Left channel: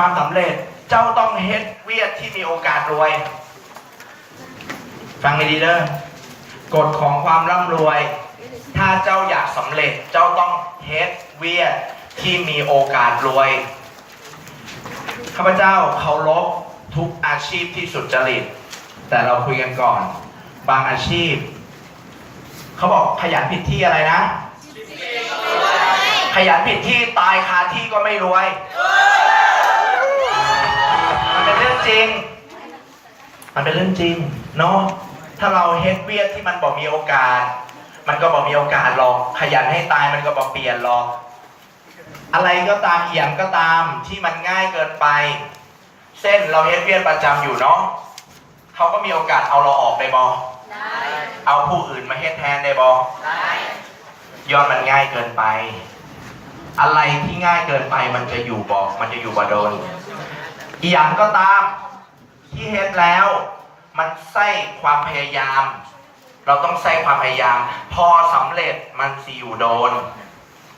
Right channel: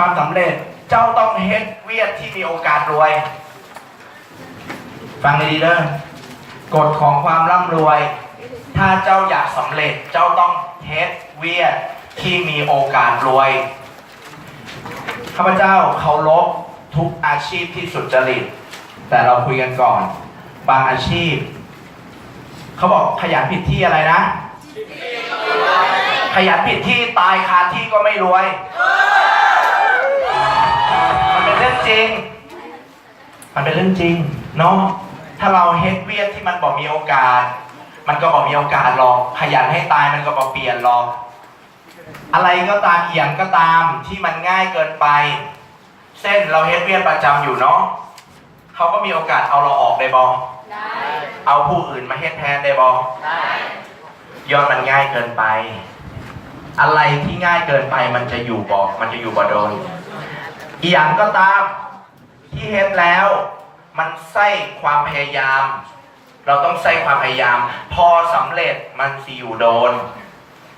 ความสำเร็จเจ้าต้องเฮ็ดเวียกที่มีโอกาสรวยฟังดีๆเด้อกฎของความร่ำรวยถ้าเจ้าอยากสำเร็จเจ้าต้องเฮ็ดเวียกที่มีโอกาสรวยข้าพเจ้าเคารพทุกอาชีพที่สุจริตแต่เราคุยกันก่อนบางอาชีพเขาบอกขยันผิดที่อะไรนะขยันผิดที่ตายคาที่ก็ไม่รวยมันเป็นเรื่องจริงเนาะถ้าเราเฮ็ดเวียกที่มันบอกมีโอกาสมันก็บอกมีโอกาสหรอกขยันให้ตายมันก็บอกเปลี่ยนหรอกอะไรก็ตามเอี่ยมก็ตามที่มันง่ายเกินไปเส้นเราเฮ็ดเวียกประจำอยู่เนาะเขาก็มีโอกาสเอาเราออกได้บ่ได้เอาผู้อื่นมาเฮ็ดแทนได้บ่ได้ย้อนมันง่ายเกินไปอะไรที่ง่ายเกินไปมันจะอยู่บ่โดนอีหยังก็ตามที่เฮ็ดแล้วมันใส่ความพยายามเราต้องใส่ความพยายามพอสำเร็จมันสิอยู่โดน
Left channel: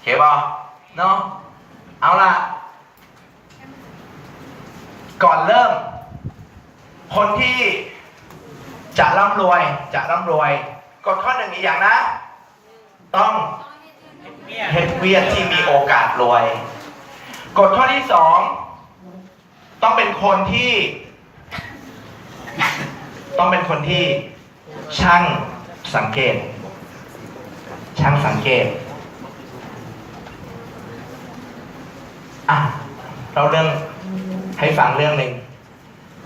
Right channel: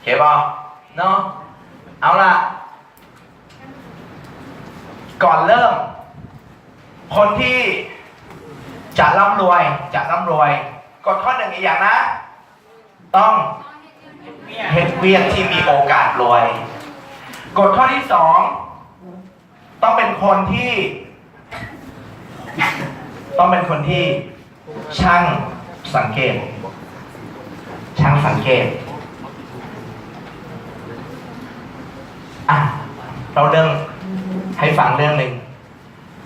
เห็นป่ะเนาะเอาล่ะก่อนเริ่มคนที่จะร่ำรวยกฎข้อหนึ่งอีกอย่างนะต้องเฮ็ดเวียกที่มีโอกาสรวยกฎข้อที่สองต้องเป็นคนที่ช่างสังเกตเราเรื่องให้ฟังเรื่องหนึ่ง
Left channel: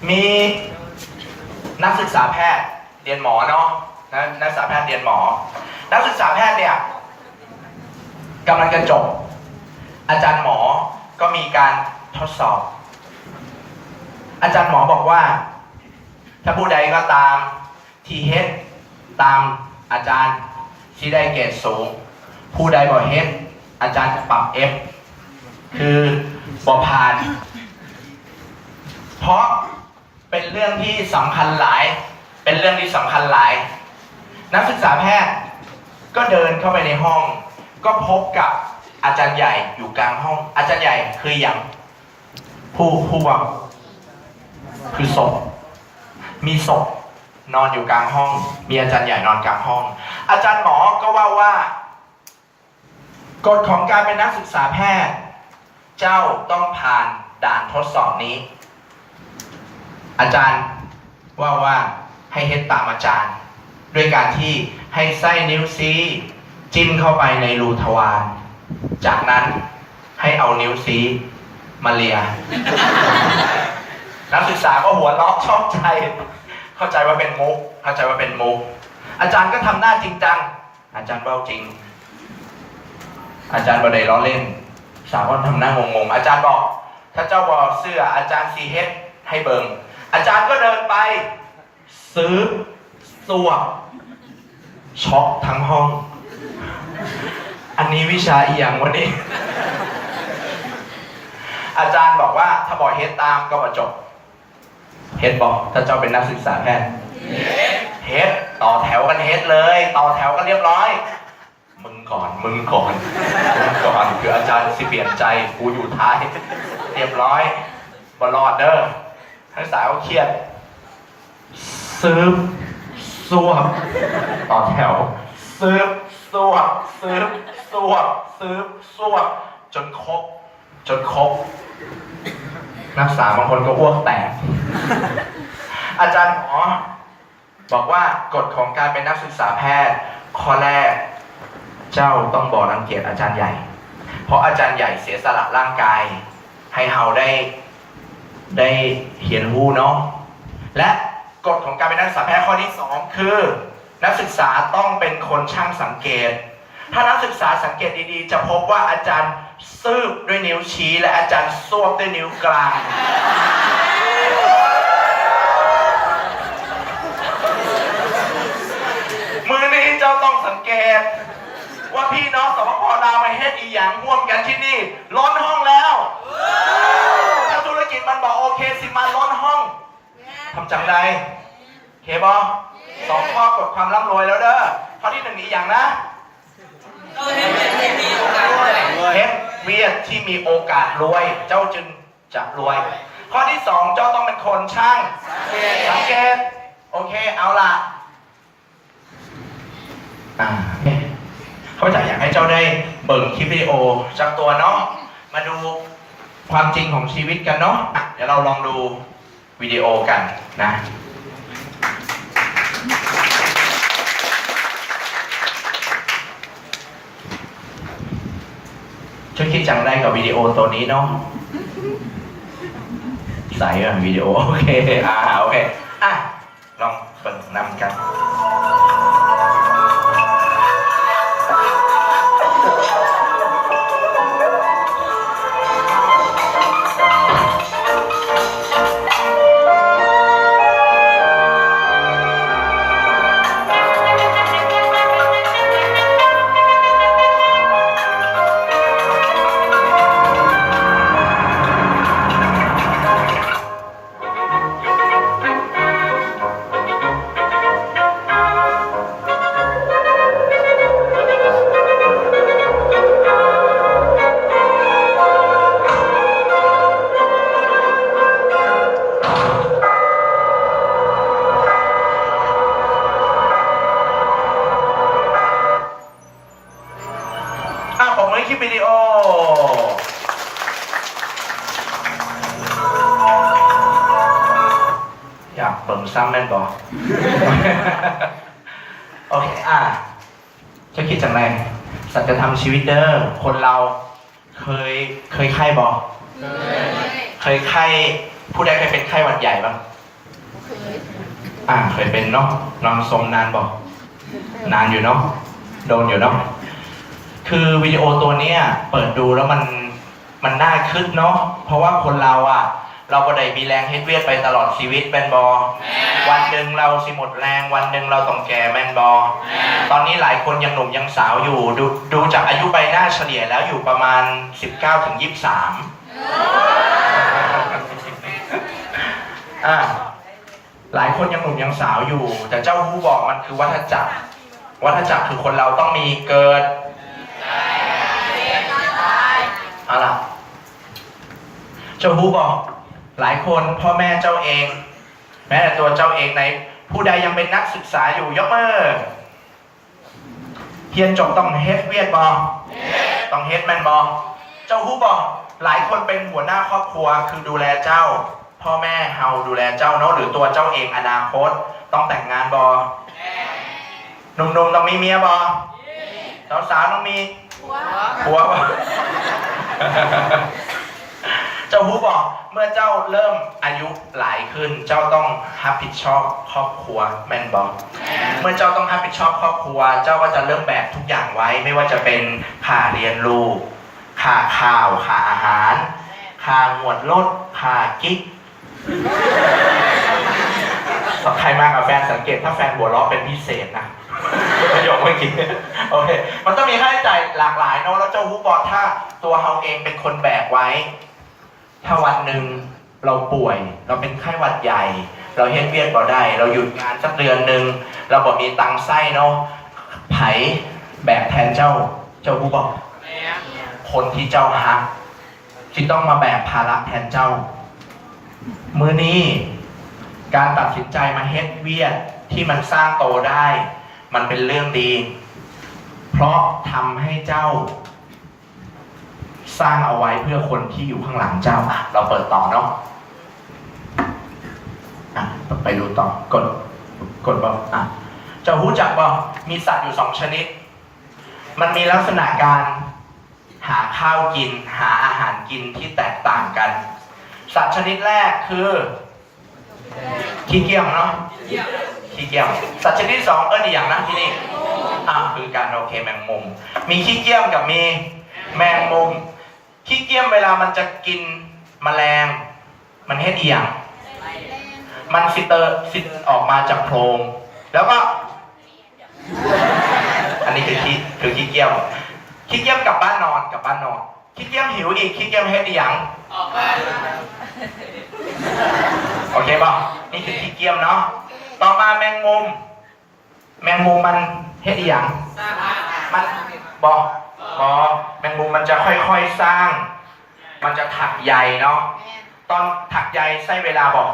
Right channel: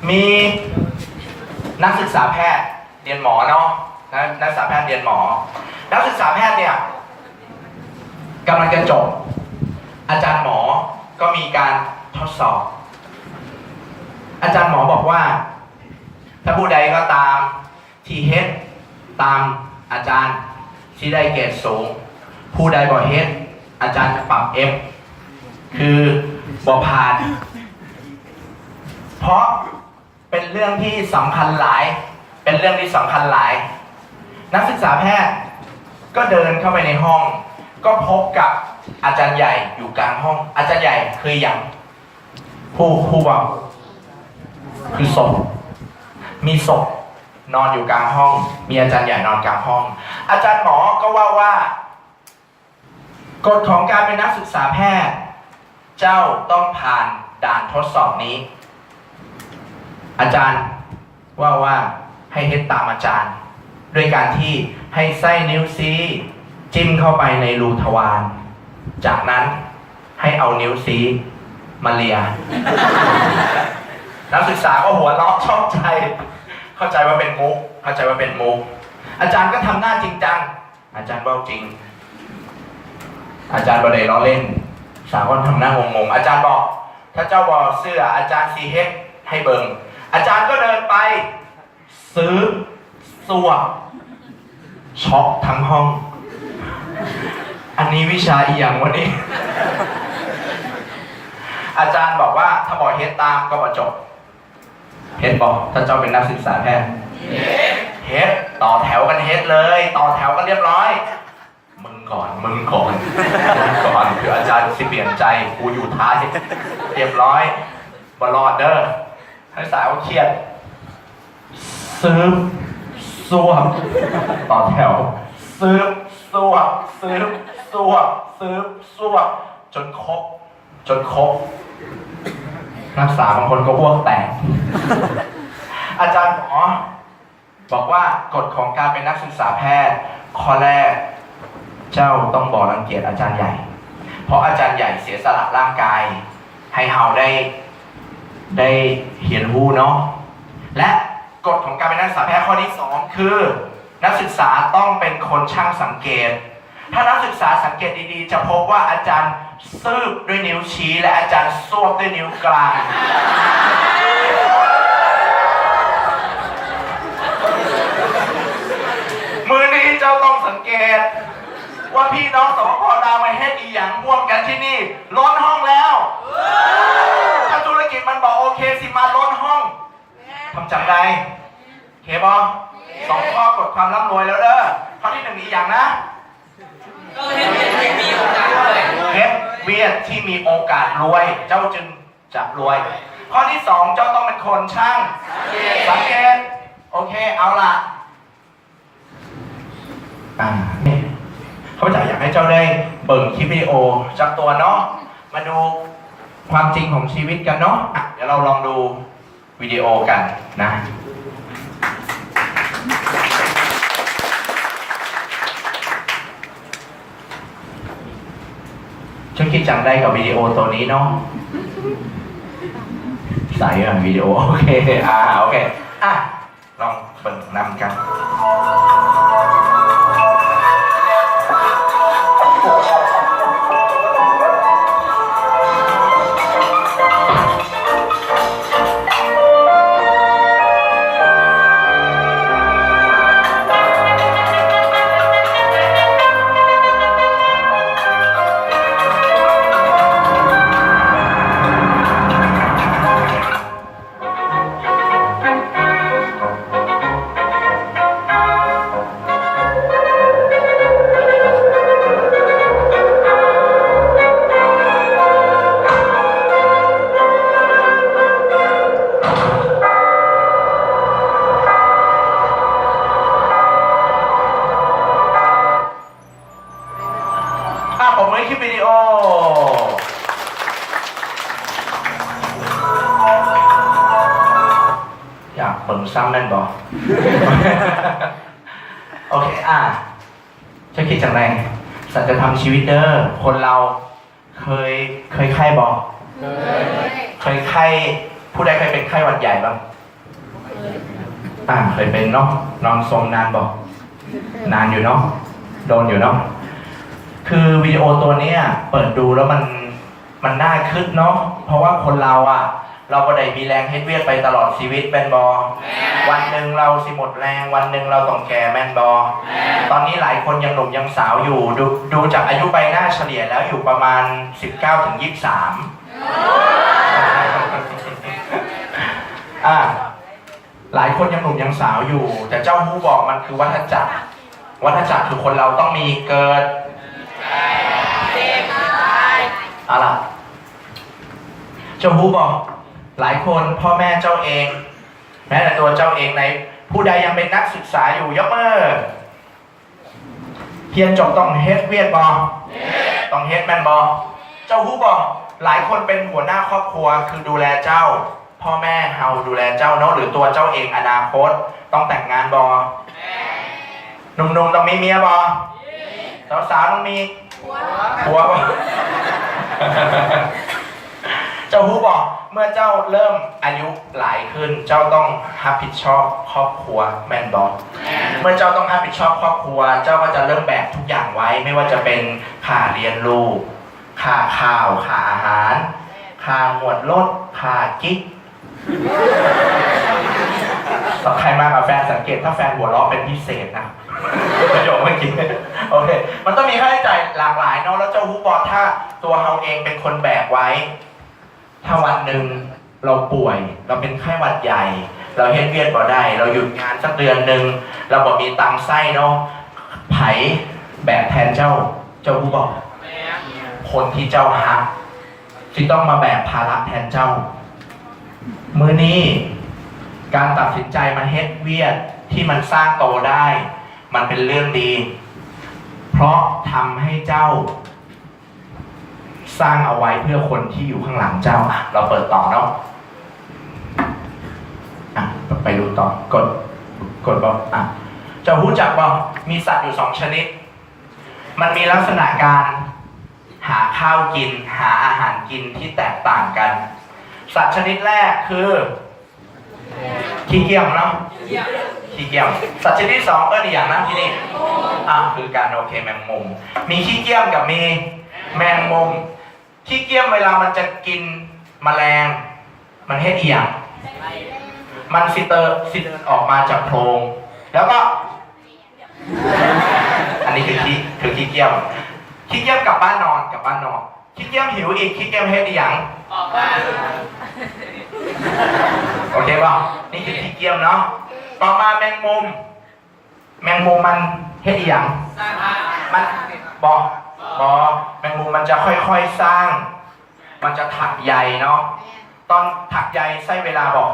มีนักศึกษาแพทย์เรียนหมอเนาะนักศึกษาแพทย์เรียนหมอนักศึกษาแพทย์เนี่ยกำลังจะจบอาจารย์หมอก็มีการทดสอบอาจารย์หมอบอกว่าถ้าผู้ใดก็ตามที่เฮ็ดตามอาจารย์ที่ได้เกรดสูงผู้ใดบ่เฮ็ดอาจารย์จะปรับ F คือบ่ผ่านเพราะเป็นเรื่องที่สำคัญหลายนักศึกษาแพทย์ก็เดินเข้าไปในห้องก็พบกับอาจารย์ใหญ่อยู่กลางห้องอาจารย์ใหญ่คืออย่างผู้ว่าคือศพมีศพนอนอยู่กลางห้องมีอาจารย์ใหญ่นอนกลางห้องอาจารย์หมอก็ว่ากฎของการเป็นนักศึกษาแพทย์เจ้าต้องผ่านด่านทดสอบนี้อาจารย์ว่าให้เฮ็ดตามอาจารย์ด้วยการที่ให้ไส้นิ้วชี้จิ้มเข้าไปในรูทวารจากนั้นให้เอานิ้วชี้มาเลียนักศึกษาก็หัวเราะชอบใจเข้าใจว่าเป็นมุกอาจารย์ก็ทำหน้าจริงจังอาจารย์ว่าจริงอาจารย์บ่ได้ล้อเล่นสาวก็ทำหน้างงอาจารย์บอกถ้าเจ้าบ่เสื้ออาจารย์ซีเฮ็ดให้เบิ่งอาจารย์ก็เดินไปซื้อสวบช็อกทั้งห้องอันนี้วิชาอีหยังวะนี่อาจารย์บอกว่าถ้าบอกเฮ็ดตามก็มาจบเฮ็ดบอกถ้าเจ้าเป็นนักศึกษาแพทย์เฮ็ดต่อแถวกันเฮ็ดเลยต่อแถวกันเรียบร้อยมึงก่อนคืออาจารย์สิเปลี่ยนใจกูอยู่ท้ายเรียบร้อยบรอดเด้อนักศึกษาเขาเครียดซื้อสวบต่อแถวซื้อสวบจนครบนักศึกษาบางคนก็อ้วกแตกอาจารย์หมอบอกว่ากฎของการเป็นนักศึกษาแพทย์ข้อแรกเจ้าต้องบอกรังเกียจอาจารย์ใหญ่เพราะอาจารย์ใหญ่เสียสละร่างกายให้เฮาได้เห็นรู้เนาะและกฎของการเป็นนักศึกษาแพทย์ข้อที่2คือนักศึกษาต้องเป็นคนช่างสังเกตถ้านักศึกษาสังเกตดีๆจะพบว่าอาจารย์ซืบด้วยนิ้วชี้และอาจารย์ซวบด้วยนิ้วกลางมือนี้เจ้าต้องสังเกตว่าพี่น้องสปป.ลาวไปเฮ็ดอีหยังร่วมกันที่นี่ล้นห้องแล้วถ้าธุรกิจมันบอกโอเคสิมาล้นห้องทำจังไรเคบอ2 ข้อกฎความร่ำรวยแล้วเด้อข้อที่1อีกอย่างนะเฮ็ดเวียกที่มีโอกาสรวยเจ้าจึง จะรวยข้อที่สองเจ้าต้องเป็นคนช่างสังเกตโอเคเอาล่ะเขาอยากให้เจ้าได้เบิ่งคลิปวิดีโอจากตัวเนาะมาดูความจริงของชีวิตกันเนาะเดี๋ยวเราลองดูวิดีโอกันนะฉันคิดจังได้กับวิดีโอตัวนี้เนาะใส่วิดีโอโอเคโอเคลองเปิดนำกันผมให้คลิปวิดีโออยากเปิดซ้ำแม่นบอกโอเคจะคิดจากไหนสัจธรรมชีวิตเด้อคนเราเคยไข้บอกเคยไข้ผู้ใดเคยเป็นไข้หวัดใหญ่บ้างเคยเป็นเนาะนอนทรงนานบอกนานอยู่เนาะโดนอยู่เนาะคือวิดีโอตัวนี้เปิดดูแล้วมันน่าคึกเนาะเพราะว่าคนเราเราก็ได้มีแรงเฮ็ดเวียดไปตลอดชีวิตแมนบอวันหนึ่งเราสิหมดแรงวันหนึ่งเราต้องแก่แมนบอตอนนี้หลายคนยังหนุ่มยังสาวอยู่ดูจากอายุใบหน้าเฉลี่ยแล้วอยู่ประมาณ 19-23หลายคนยังหนุ่มยังสาวอยู่แต่เจ้าฮู้บอกมันคือวัฏจักรคือคนเราต้องมีเกิดอะไรเจ้าฮู้บอกหลายคนพ่อแม่เจ้าเองแม้แต่ตัวเจ้าเองในผู้ใดยังเป็นนักศึกษาอยู่ยกมือเรียนจบต้องเฮ็ดเวียดบอต้องเฮ็ดแมนบอเจ้าฮู้บอกหลายคนเป็นหัวหน้าครอบครัวคือดูแลเจ้าพ่อแม่เฮาดูแลเจ้าเนาะหรือตัวเจ้าเองอนาคตต้องแต่งงานบอหนุ่มๆต้องมีเมียบอสาวๆต้องมีผัวบอเจ้าฮู้บอกเมื่อเจ้าเริ่มอายุหลายขึ้นเจ้าต้องรับผิดชอบครอบครัวแมนบอเมื่อเจ้าต้องรับผิดชอบครอบครัวเจ้าก็จะเริ่มแบกทุกอย่างไว้ไม่ว่าจะเป็นค่าเรียนลูกค่าข้าวค่าอาหารค่าหมวดรถค่ากิ๊กใครมากับแฟนสังเกตถ้าแฟนหัวเราะเป็นพิเศษนะประโยคเมื่อกี้โอเคมันต้องมีค่าใช้จ่ายหลากหลายเนาะแล้วเจ้าฮู้บอกถ้าตัวเราเองเป็นคนแบกไว้ถ้าวันหนึ่งเราป่วยเราเป็นไข้หวัดใหญ่เราเฮ็ดเวียดบ่ได้เราหยุดงานสักเดือนหนึ่งเราบ่มีตังค์ไส้เนาะไผแบกแทนเจ้าฮู้บอกคนที่เจ้าฮักที่ต้องมาแบกภาระแทนเจ้ามื้อนี้การตัดสินใจมาเฮ็ดเวียดที่มันสร้างโตได้มันเป็นเรื่องดีเพราะทำให้เจ้าสร้างเอาไว้เพื่อคนที่อยู่ข้างหลังเจ้าเราเปิดต่อเนาะไปดูต่อกดบอกจะรู้จักบอกมีสัตว์อยู่2ชนิดมันมีลักษณะการหาข้าวกินหาอาหารกินที่แตกต่างกันสัตว์ชนิดแรกคือขี้เกียจเนาะขี้เกียจสัตว์ชนิดที่2ก็ดีอย่างนั้นที่นี่คือการโอเคแมงมุมมีขี้เกียจกับมีแมงมุมขี้เกียจเวลามันจะกินแมลงมันเฮ็ดอีหยังมันฟิเตอร์ออกมาจากโพรงแล้วก็อันนี้คือขี้เกียจกลับบ้านนอนขี้เกียจหิวอีกขี้เกียจเฮ็ดอีหยังโอเคป่ะนี่คือขี้เกียจเนาะต่อมาแมงมุมมันเฮ็ดอีหยังมันแมงมุมมันจะค่อยๆสร้างมันจะถักใยเนาะ ตอนถักใยไส้เวลาบอก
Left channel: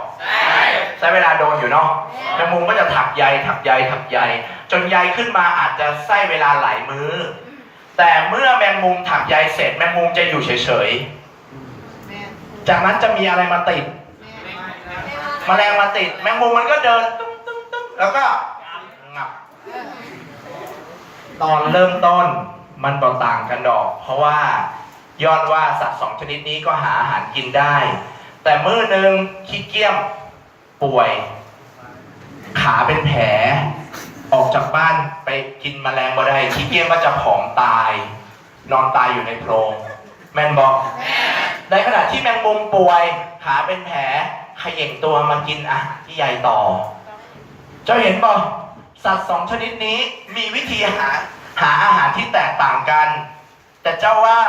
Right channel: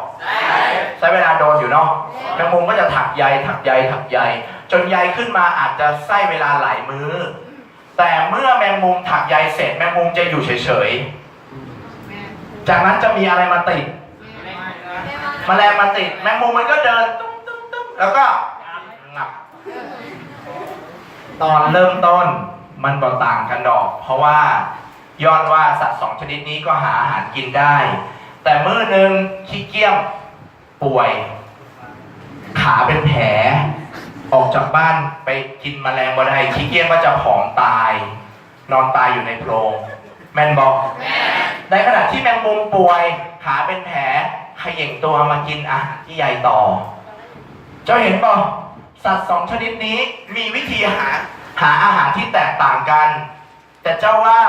ไส้เวลาโดนอยู่เนาะแมงมุมก็จะถักใยจนใยขึ้นมาอาจจะไส้เวลาหลายมื้อแต่เมื่อแมงมุมถักใยเสร็จแมงมุมจะอยู่เฉยๆจากนั้นจะมีอะไรมาติดแมลงมาติดแมงมุมมันก็เดินตุ๊บแล้วก็งับตอนเริ่มต้นมันก็ต่างกันดอกเพราะว่าย้อนว่าสัตว์สองชนิดนี้ก็หาอาหารกินได้แต่มื้อหนึ่งขี้เกียจป่วยขาเป็นแผลออกจากบ้านไปกินแมลงบ่ได้ขี้เกียจก็จะผอมตายนอนตายอยู่ในโพรงแมนบอกในขณะที่แมงมุมป่วยขาเป็นแผลเขย่งตัวมากินอาหารที่ใยต่อเจ้าเห็นป่ะสัตว์สองชนิดนี้มีวิธีหาอาหารที่แตกต่างกันแต่เจ้าว่า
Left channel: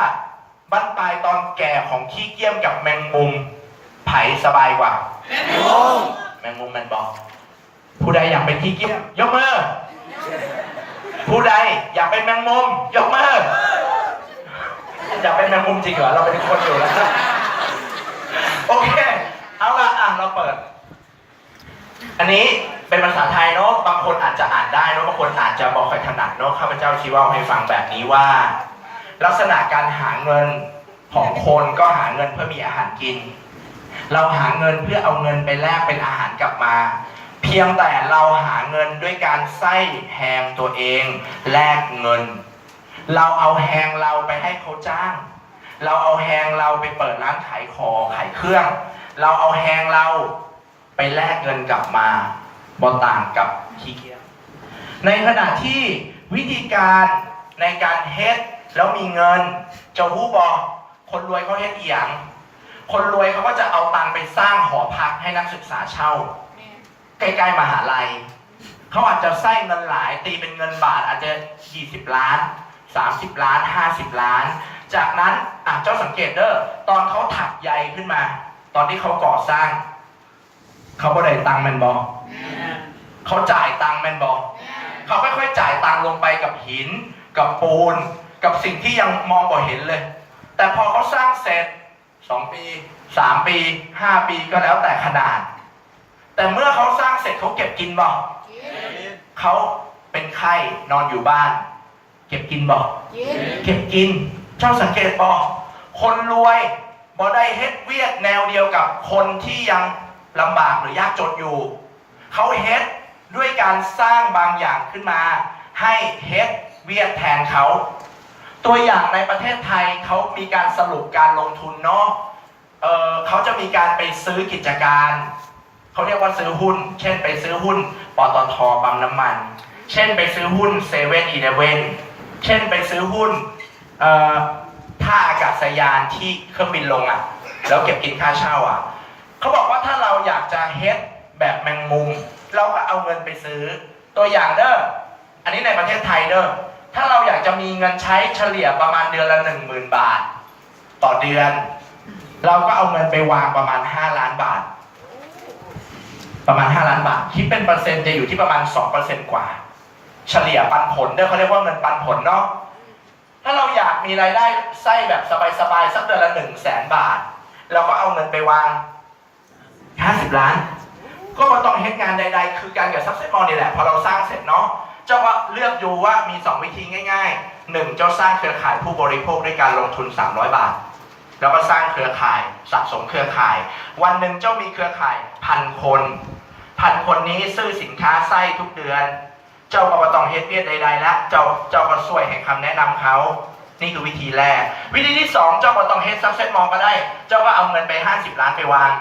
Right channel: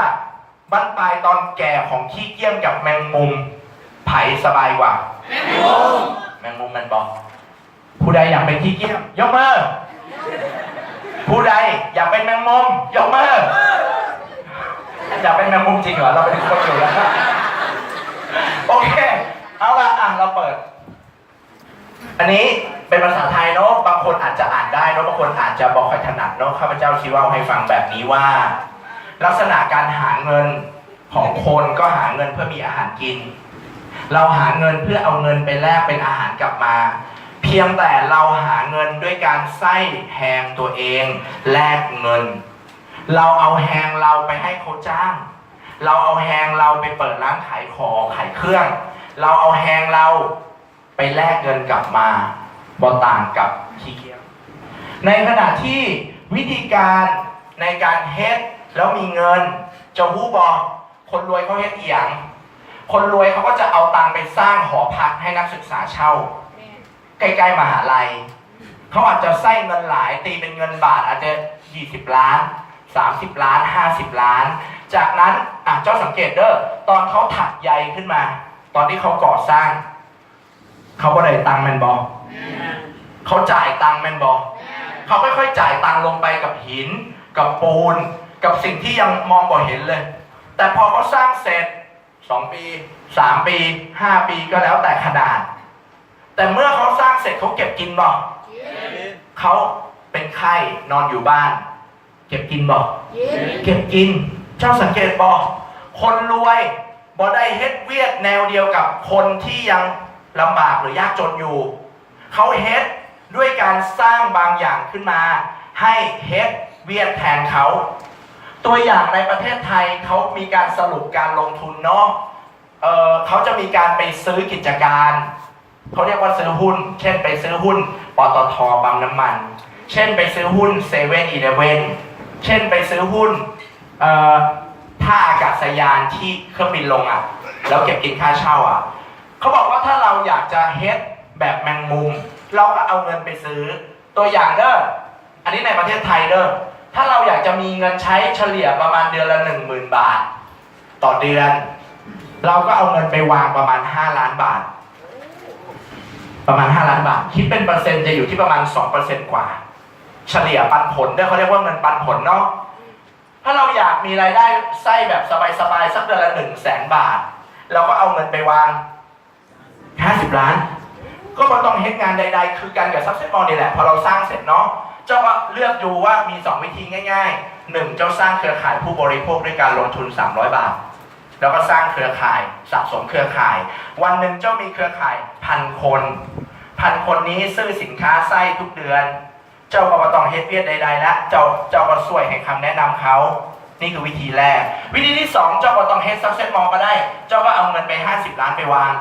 บั้นปลายตอนแก่ของขี้เกียจกับแมงมุมไผ่สบายกว่าแมงมุมมันบอกผู้ใดอยากเป็นขี้เกียจยกมือผู้ใดอยากเป็นแมงมุมยกมืออยากเป็นแมงมุมจริงเหรอเราเป็นคนอยู่แล้วโอเคเอาละเราเปิดอันนี้เป็นภาษาไทยเนาะบางคนอาจจะอ่านได้เนาะบางคนอาจจะบอกค่อยถนัดเนาะข้าพเจ้าชี้ว่าให้ฟังแบบนี้ว่าลักษณะการหาเงินของคนก็หาเงินเพื่อมีอาหารกินเราหาเงินเพื่อเอาเงินไปแลกเป็นอาหารกลับมาเพียงแต่เราหาเงินด้วยการไส้แหงตัวเองแลกเงินเราเอาแหงเราไปให้เขาจ้างเราเอาแหงเราไปเปิดร้านขายของขายเครื่องเราเอาแหงเราไปแลกเงินกลับมาบ่ต่างกับขี้เกียจในขณะที่วิธีการในการเฮ็ดแล้วมีเงินจะฮู้บ่คนรวยเขาเฮ็ดอีหยังคนรวยเขาก็จะเอาตังค์ไปสร้างหอพักให้นักศึกษาเช่าใกล้ๆมหาลัยเขาอาจจะใส่เงินหลายตีเป็นเงินบาทอาจจะ20 ล้าน30 ล้าน50 ล้านจากนั้นเจ้าสังเกตเด้อตอนเขาถักใยขึ้นมาตอนที่เขาก่อสร้างเขาก็ได้ตังค์แมนบอเขาจ่ายตังค์แมนบอเขาค่อยๆจ่ายตังค์ลงไปกับหินกับปูนกับสิ่งที่ยังมองบ่เห็นเลยแต่พอเขาสร้างเสร็จ2 ปี3 ปี5 ปีก็แล้วแต่ขนาดแต่เมื่อเขาสร้างเสร็จเขาเก็บกินบ่เขาเป็นไข้นอนอยู่บ้านเก็บกินบ่เก็บกินเจ้าสังเกตบ่คนรวยบ่ได้เฮ็ดเวียดแนวเดียวกับคนที่ยังลำบากหรือยากจนอยู่เขาเฮ็ดด้วยการสร้างบางอย่างขึ้นมาให้เฮ็ดเวียดแทนเขาตัวอย่างในประเทศไทยเขามีการสรุปการลงทุนเนาะเขาจะมีการไปซื้อกิจการเขาเรียกว่าซื้อหุ้นเช่นไปซื้อหุ้นปตท.ปั๊มน้ำมันเช่นไปซื้อหุ้นเซเว่นอีเลฟเว่นเช่นไปซื้อหุ้นท่าอากาศยานที่เครื่องบินลงแล้วเก็บกินค่าเช่าเขาบอกว่าถ้าเราอยากจะเฮ็ดแบบแมงมุมเราก็เอาเงินไปซื้อตัวอย่างเด้ออันนี้ในประเทศไทยเด้อถ้าเราอยากจะมีเงินใช้เฉลี่ยประมาณเดือนละ 10,000 บาทต่อเดือนเราก็เอาเงินไปวางประมาณ5 ล้านบาทประมาณ5 ล้านบาทคิดเป็นเปอร์เซ็นต์จะอยู่ที่ประมาณ 2% กว่าเฉลี่ยปันผลเด้อเขาเรียกว่าเงินปันผลเนาะถ้าเราอยากมีรายได้ไส้แบบสบายๆสักเดือนละ 100,000 บาทเราก็เอาเงินไปวาง50 ล้านก็ไม่ต้องเฮ็ดงานใดๆคือการกับซักเซสมอลนี่แหละพอเราสร้างเสร็จเนาะเจ้าก็เลือกดูว่ามี2 วิธีง่ายๆ1เจ้าสร้างเครือข่ายผู้บริโภคด้วยการลงทุน300 บาทแล้วก็สร้างเครือข่ายสะสมเครือข่ายวันหนึ่งเจ้ามีเครือข่าย1,000 คนนี้ซื้อสินค้าไส้ทุกเดือนเจ้าก็ไม่ต้องเฮ็ดเวียดใดๆแล้วเจ้าก็ช่วยให้คำแนะนำเขานี่คือวิธีแรกวิธีที่2เจ้าก็ต้องเฮ็ดซักเซสมอลก็ได้เจ้าก็เอาเงินไป50 ล้านไปวาง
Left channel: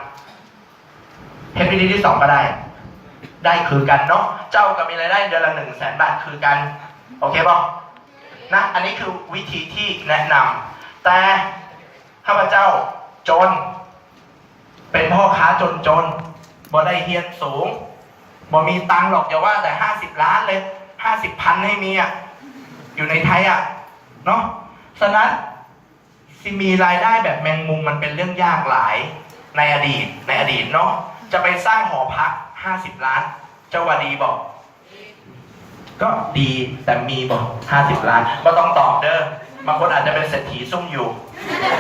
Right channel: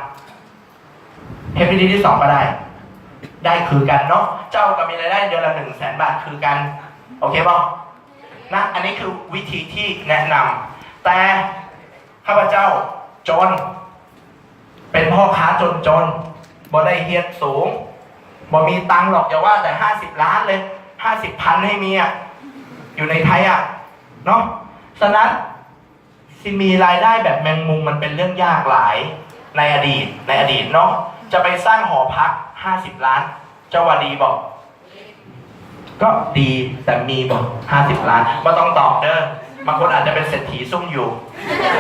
เฮ็ดวิธีที่2ก็ได้คือกันเนาะเจ้าก็มีรายได้เดือนละ 100,000 บาทคือกันโอเคป่ะนะอันนี้คือวิธีที่แนะนำแต่ข้าพเจ้าจนเป็นพ่อค้าจนบ่ได้เฮียนสูงบ่มีตังค์หรอกอย่าว่าแต่50 ล้านเลย50,000ให้มีอยู่ในไทยเนาะฉะนั้นสิมีรายได้แบบแมงมุมมันเป็นเรื่องยากหลายในอดีตเนาะจะไปสร้างหอพัก50 ล้านเจ้าว่าดีบอกก็ดีแต่มีบอก50 ล้านไม่ต้องตอบเด้อบางคนอาจจะเป็นเศรษฐีซุ่มอยู่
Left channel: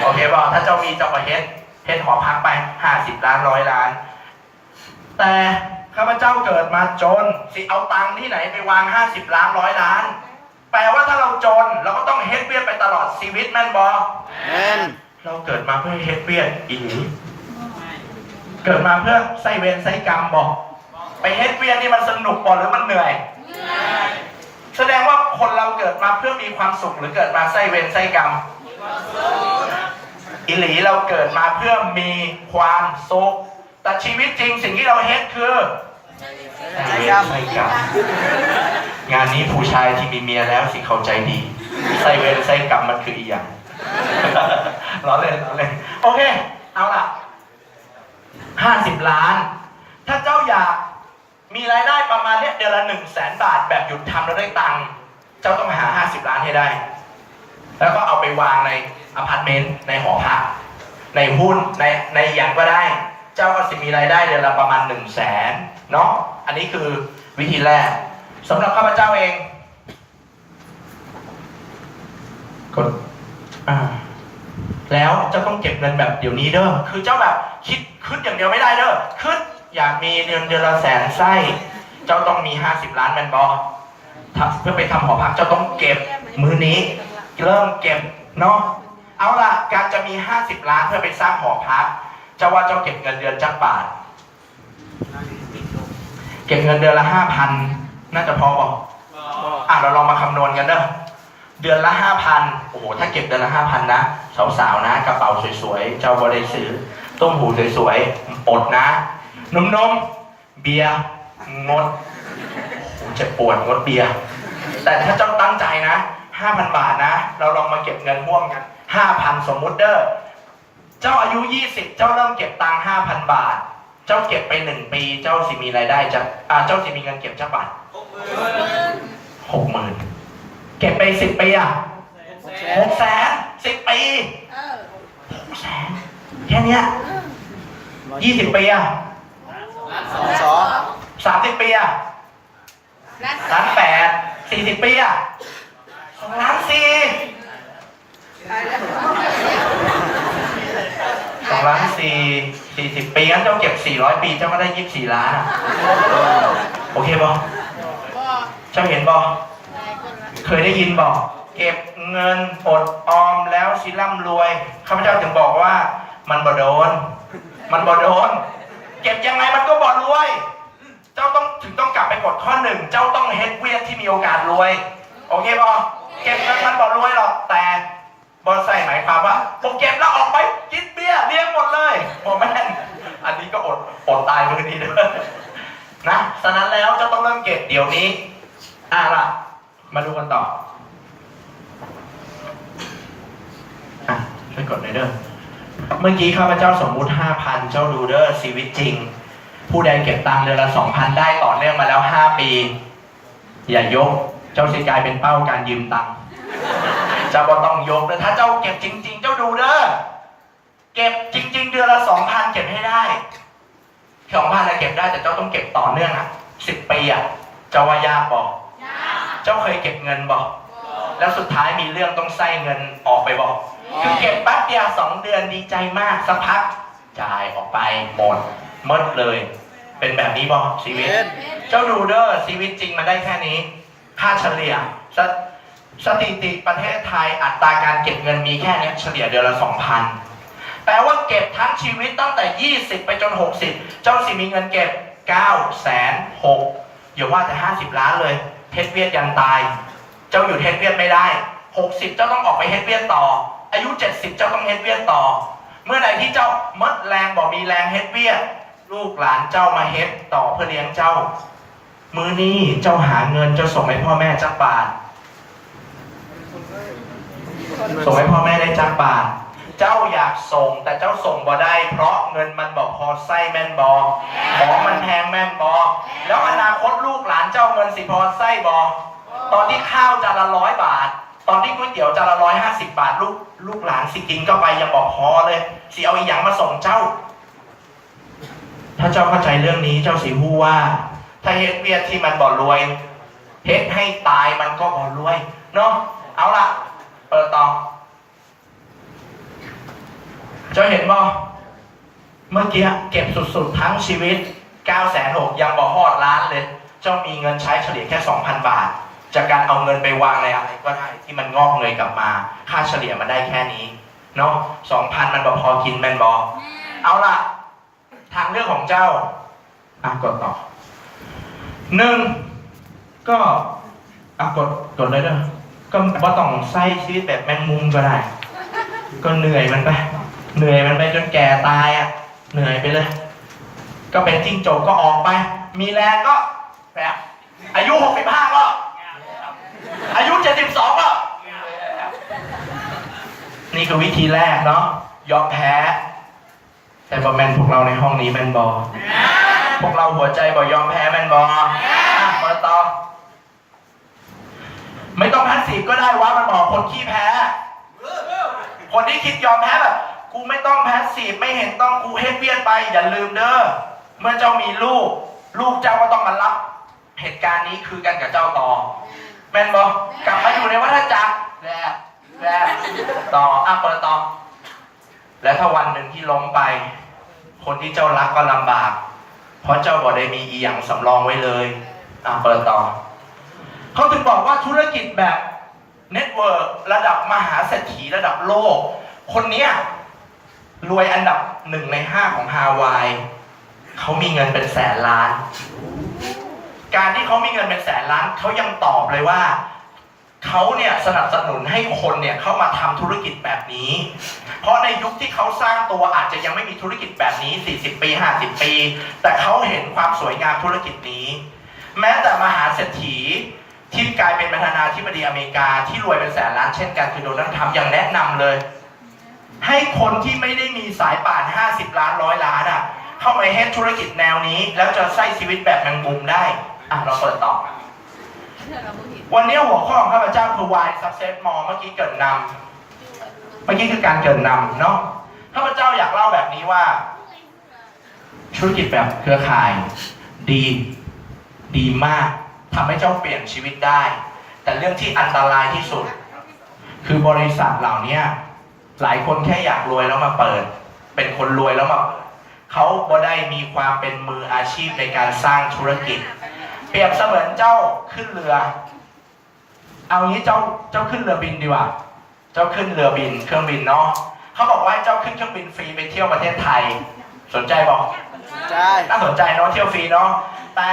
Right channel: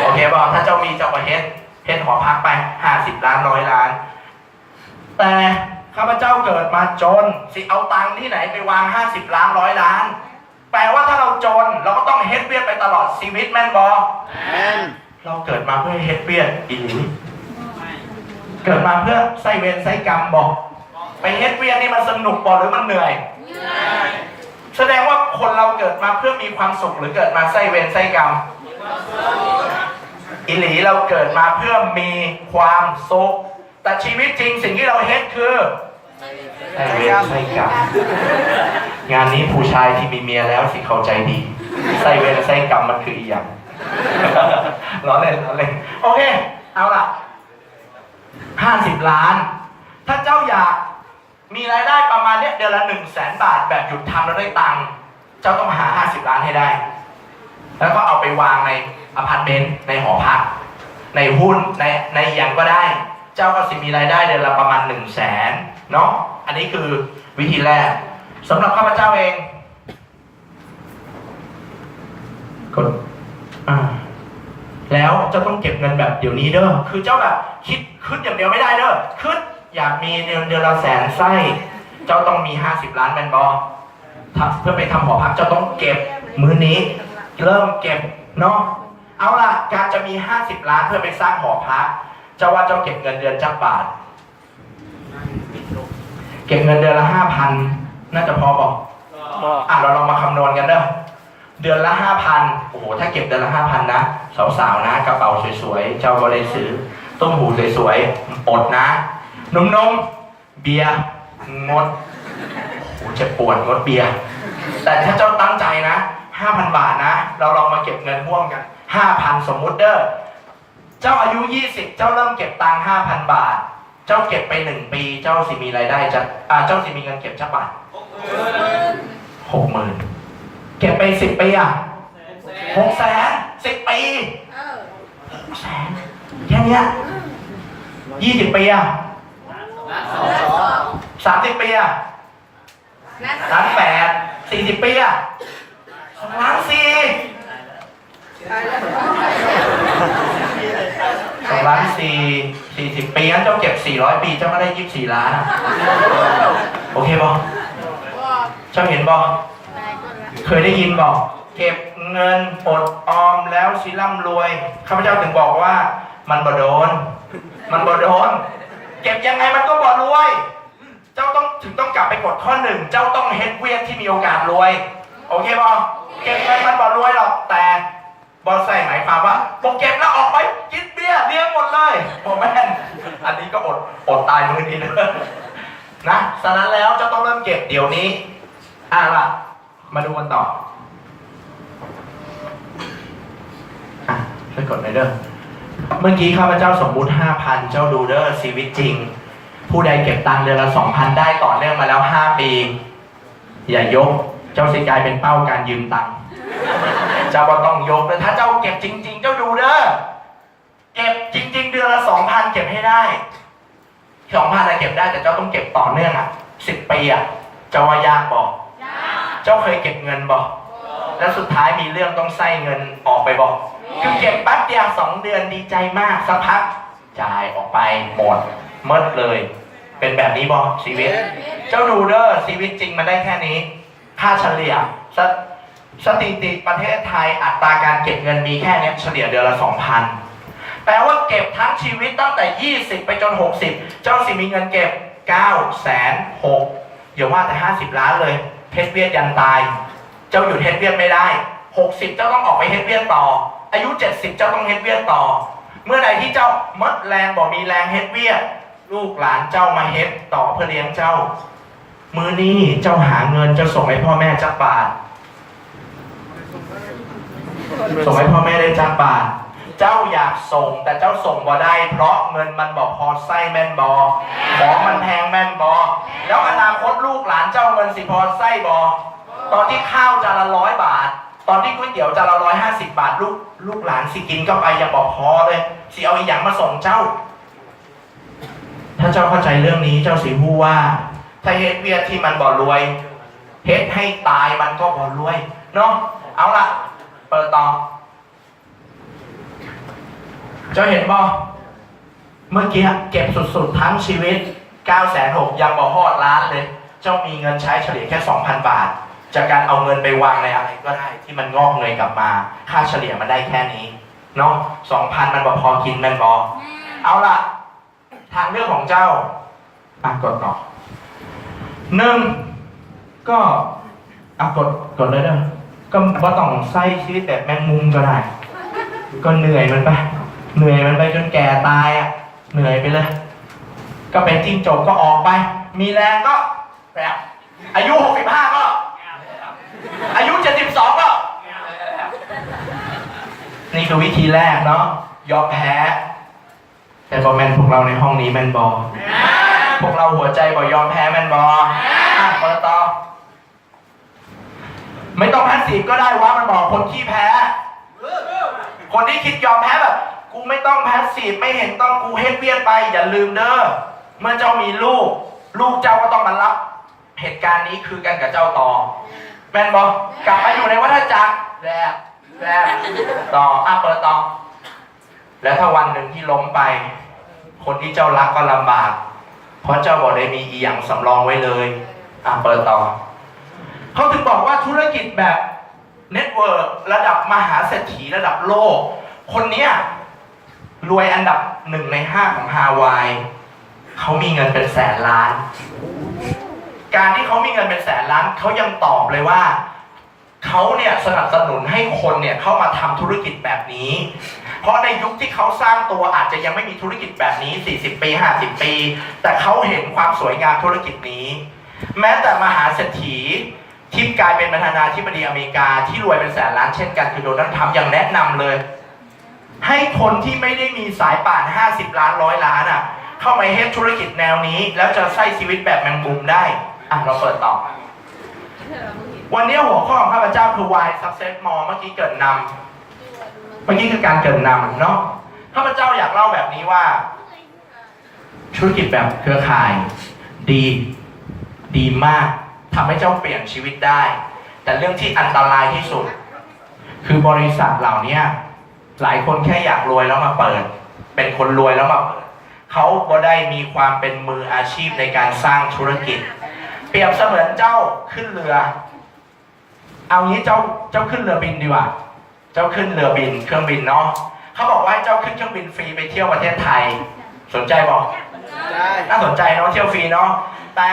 โอเคบอกถ้าเจ้ามีเจ้าก็เฮ็ด ฮ็ดหอพักไป50 ล้าน100 ล้านแต่ข้าพเจ้าเกิดมาจนสิเอาตังค์ที่ไหนไปวาง50 ล้าน100 ล้านแปลว่าถ้าเราจนเราก็ต้องเฮ็ดเวียดไปตลอดชีวิตแม่นบอแม่นเราเกิดมาเพื่อเฮ็ดเวียดอีหลีเกิดมาเพื่อไส้เวรไส้กรรมบอกไปเฮ็ดเวียดนี่มันสนุกบ่หรือมันเหนื่อยแสดงว่าคนเราเกิดมาเพื่อมีความสุขหรือเกิดมาไส้เวรไส้กรรมอีหลีเราเกิดมาเพื่อมีความสุขแต่ชีวิตจริงสิ่งที่เราเฮ็ดคือไส้เวรไส้กรรมงานนี้ผู้ชายที่มีเมียแล้วสิเข้าใจดีไส้เวรไส้กรรมมันคืออีหยังล้อเล่นโอเคเอาล่ะ50 ล้านถ้าเจ้าอยากมีรายได้ประมาณเนี้ยเดือนละ100,000 บาทแบบหยุดทำแล้วได้ตังค์เจ้าต้องหา50 ล้านให้ได้แล้วก็เอาไปวางในอพาร์ตเมนต์ในหอพักในหุ้นในอย่างก็ได้เจ้าก็จะมีรายได้เดือนละประมาณ100,000เนาะอันนี้คือวิธีแรกสำหรับข้าพเจ้าเองกดแล้วเจ้าต้องเก็บเงินแบบเดี๋ยวนี้เด้อคือเจ้าแบบคิดอย่างเดียวไม่ได้เด้อคิดอยากมีเดือนละ100,000ไส้เจ้าต้องมี50 ล้านแมนบอเพื่อไปทำหอพักเจ้าต้องเก็บมื้อนี้เริ่มเก็บเนาะเอาล่ะการจะมี50 ล้านเพื่อไปสร้างหอพักเจ้าว่าเจ้าเก็บเงินเดือนจักบาทเก็บเงินเดือนละ 5,000 น่าจะพอบอกเราลองมาคำนวณกันเด้อเดือนละ 5,000 โอ้โหถ้าเก็บเดือนละ 5,000 นะสาวๆนะกระเป๋าสวยๆเจ้าก็ได้ซื้อต้มหูสวยๆอดนะนมเบียร์งดโอ้จะปวดงดเบียร์แต่ถ้าเจ้าตั้งใจนะ 5,000 บาทนะเราลองมาเก็บเงินร่วมกัน 5,000 สมมุติเด้อเจ้าอายุ20เจ้าเริ่มเก็บตังค์ 5,000 บาทเจ้าเก็บไป1 ปีเจ้าสิมีรายได้เจ้าสิมีเงินเก็บจักบาท 60,000 เก็บไป10 ปี600,000 10 ปี600,000แค่เนี้ย20 ปี30 ปี1,800,000 40 ปี2,400,000 40 ปีงั้นเจ้าเก็บ400 ปีเจ้าก็ได้24 ล้านโอเคบอเจ้าเห็นบอเคยได้ยินบอกเก็บเงินอดออมแล้วสิร่ำรวยข้าพเจ้าถึงบอกว่ามันบ่โดนเก็บยังไงมันก็บ่รวยเจ้าต้องกลับไปกดข้อ 1เจ้าต้องเฮ็ดเวียดที่มีโอกาสรวยโอเคบอเก็บเงินมันบ่รวยหรอกแต่บอใส่หมายความว่าผมเก็บแล้วออกไปกินเบียร์เลี้ยงหมดเลยผมแม่นอันนี้ก็อดตายมือนี้ด้วยนะฉะนั้นแล้วเจ้าต้องเริ่มเก็บเดี๋ยวนี้ล่ะมาดูกันต่อช่วยกดหน่อยเด้อเมื่อกี้ข้าพเจ้าสมมุติ 5,000 เจ้าดูเด้อชีวิตจริงผู้ใดเก็บตังค์เดือนละ 2,000 ได้ต่อเนื่องมาแล้ว5 ปีอย่ายกเจ้าสิกลายเป็นเป้าการยืมตังค์เจ้าก็ต้องยกเลยถ้าเจ้าเก็บจริงๆเจ้าดูเด้อเก็บจริงๆเดือนละ 2,000 เก็บให้ได้2,000อะไรเก็บได้แต่เจ้าต้องเก็บต่อเนื่อง10 ปีเจ้าว่ายากบอกเจ้าเคยเก็บเงินบอกแล้วสุดท้ายมีเรื่องต้องใส่เงินออกไปบอกคือเก็บแป๊บเดียว2 เดือนดีใจมากสักพักจ่ายออกไปหมดเลยเป็นแบบนี้บอกชีวิตเจ้าดูเด้อชีวิตจริงมันได้แค่นี้ค่าเฉลี่ยสถิติประเทศไทยอัตราการเก็บเงินมีแค่นี้เฉลี่ยเดือนละ 2,000 แปลว่าเก็บทั้งชีวิตตั้งแต่20ไปจน60เจ้าสิมีเงินเก็บ960,000อย่าว่าแต่50 ล้านเลยเฮ็ดเวียดยันตายเจ้าอยู่เฮ็ดเวียดไม่ได้60เจ้าต้องออกไปเฮ็ดเวียดต่ออายุ70เจ้าต้องเฮ็ดเวียดต่อเมื่อใดที่เจ้าหมดแรงบ่มีแรงเฮ็ดเวียดลูกหลานเจ้ามาเฮ็ดต่อเพื่อเลี้ยงเจ้ามื้อนี้เจ้าหาเงินเจ้าส่งให้พ่อแม่จักบาทส่งให้พ่อแม่ได้จักบาทเจ้าอยากส่งแต่เจ้าส่งบ่ได้เพราะเงินมันบอกพอไส้แม่นบอของมันแพงแม่นบอแล้วอนาคตลูกหลานเจ้าเงินสิพอไส้บอตอนที่ข้าวจานละ100 บาทตอนที่ก๋วยเตี๋ยวจานละ150 บาทลูกหลานสิกินก็ไปยังบอกพอเลยสิเอาอีหยังมาส่งเจ้าถ้าเจ้าเข้าใจเรื่องนี้เจ้าสิพูดว่าถ้าเฮ็ดเวียดที่มันบ่รวยเฮ็ดให้ตายมันก็บ่รวยเนาะเอาล่ะเปิดต่อเจ้าเห็นบ่ เมื่อกี้เก็บสุดๆทั้งชีวิต 960,000ยังบ่ฮอดล้านเลยเจ้ามีเงินใช้เฉลี่ยแค่ 2,000 บาทจากการเอาเงินไปวางในอะไรก็ได้ที่มันงอกเงยกลับมาค่าเฉลี่ยมันได้แค่นี้เนาะ 2,000 มันบ่พอกินแมนบอเอาล่ะทางเลือกของเจ้ากดต่อ1ก็กดเลยเด้อก็ว่าต้องใช้ชีวิตแบบแมงมุมก็ได้ก็เหนื่อยมันไปจนแก่ตายเหนื่อยไปเลยก็เป็นจิ้งจกก็ออกไปมีแรงก็แบบอายุ65ก็อายุ72ก็นี่คือวิธีแรกเนาะยอมแพ้แต่บอแมนพวกเราในห้องนี้แมนบอพวกเราหัวใจบอกยอมแพ้แมนบอมาต่อไม่ต้องแพสซีฟก็ได้วะมันบอกคนขี้แพ้คนที่คิดยอมแพ้แบบกูไม่ต้องแพสซีฟไม่เห็นต้องกูเฮ็ดเวียนไปอย่าลืมเด้อเมื่อเจ้ามีลูกเจ้าก็ต้องมารับเหตุการณ์นี้คือกันกับเจ้าต่อแมนบอกกลับมาอยู่ในวัฏจักรแล้วต่อเปิดต่อแล้วถ้าวันหนึ่งที่ล้มไปคนที่เจ้ารักก็ลำบากเพราะเจ้าบอกได้มีอีหยังสำรองไว้เลยเปิดต่อเขาถึงบอกว่าธุรกิจแบบเน็ตเวิร์กระดับมหาเศรษฐีระดับโลกคนนี้รวยอันดับ1 ใน 5ของฮาวายเขามีเงินเป็นแสนล้านการที่เขามีเงินเป็นแสนล้านเขายังตอบเลยว่าเขาเนี่ยสนับสนุนให้คนเนี่ยเข้ามาทำธุรกิจแบบนี้เพราะในยุคที่เขาสร้างตัวอาจจะยังไม่มีธุรกิจแบบนี้40 ปี 50 ปีแต่เขาเห็นความสวยงามธุรกิจนี้แม้แต่มหาเศรษฐีที่กลายเป็นประธานาธิบดีอเมริกาที่รวยเป็นแสนล้านเช่นกันคือโดนัลด์ทรัมป์ยังแนะนำเลยให้คนที่ไม่ได้มีสายป่าน50 ล้าน100 ล้านเข้ามาเฮ็ดธุรกิจแนวนี้แล้วจะใช้ชีวิตแบบแมงมุมได้เราเปิดต่อวันนี้หัวข้อของข้าพเจ้าคือ Why Success More เมื่อกี้เกิดนำเมื่อกี้คือการเกิดนำเนาะข้าพเจ้าอยากเล่าแบบนี้ว่าธุรกิจแบบเครือข่ายดีมากทำให้เจ้าเปลี่ยนชีวิตได้แต่เรื่องที่อันตรายที่สุดคือบริษัทเหล่านี้หลายคนแค่อยากรวยแล้วมาเปิดเป็นคนรวยแล้วมาเปิดเขาบ่ได้มีความเป็นมืออาชีพในการสร้างธุรกิจเปรียบเสมือนเจ้าขึ้นเรือเอางี้เจ้าขึ้นเรือบินดีกว่าเจ้าขึ้นเรือบินเครื่องบินเนาะเขาบอกว่าเจ้าขึ้นเครื่องบินฟรีไปเที่ยวประเทศไทยสนใจบอกน่าสนใจเนาะเที่ยวฟรีเนาะแต่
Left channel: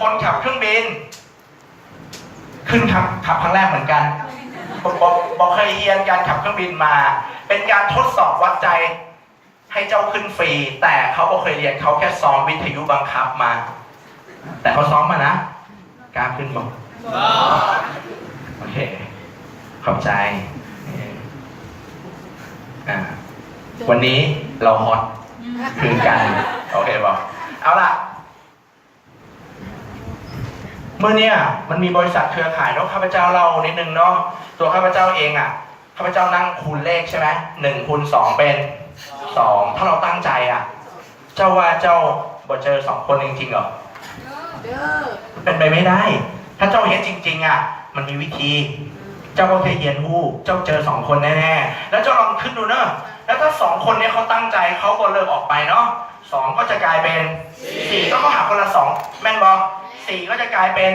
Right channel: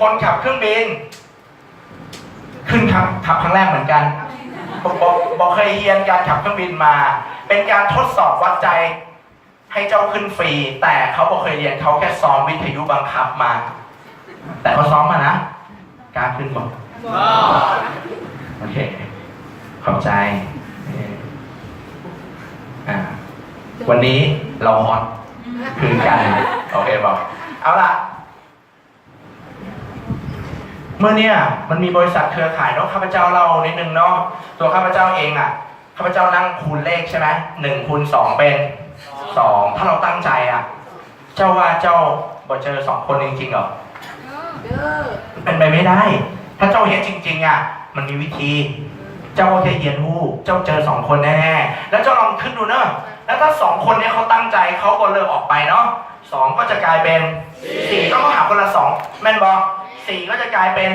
คนขับเครื่องบินขึ้นขับครั้งแรกเหมือนกันบอกเคยเรียนการขับเครื่องบินมาเป็นการทดสอบวัดใจให้เจ้าขึ้นฟรีแต่เขาบอกเคยเรียนเขาแค่ซ้อมวิทยุบังคับมาแต่เขาซ้อมมานะการขึ้นบอกโอเคขอบใจวันนี้เราฮอตคือกันโอเคบอกเอาล่ะเมื่อเนี่ยมันมีบริษัทเครือข่ายเนาะข้าพเจ้าเล่านิดนึงเนาะตัวข้าพเจ้าเองข้าพเจ้านั่งคูณเลขใช่ไหม1 คูณ 2เป็น2ถ้าเราตั้งใจเจ้าว่าเจ้าบ่เจอ2 คนจริงๆเหรอเป็นไปไม่ได้ถ้าเจ้าเห็นจริงๆมันมีวิธีเจ้าก็แค่เยียนหู้เจ้าเจอ2 คนแน่ๆแล้วเจ้าลองขึ้นดูเนอะแล้วถ้า2 คนนี้เขาตั้งใจเขาก็เลิกออกไปเนาะ2ก็จะกลายเป็น4ต้องหาคนละ2แม่นบอ4ก็จะกลายเป็น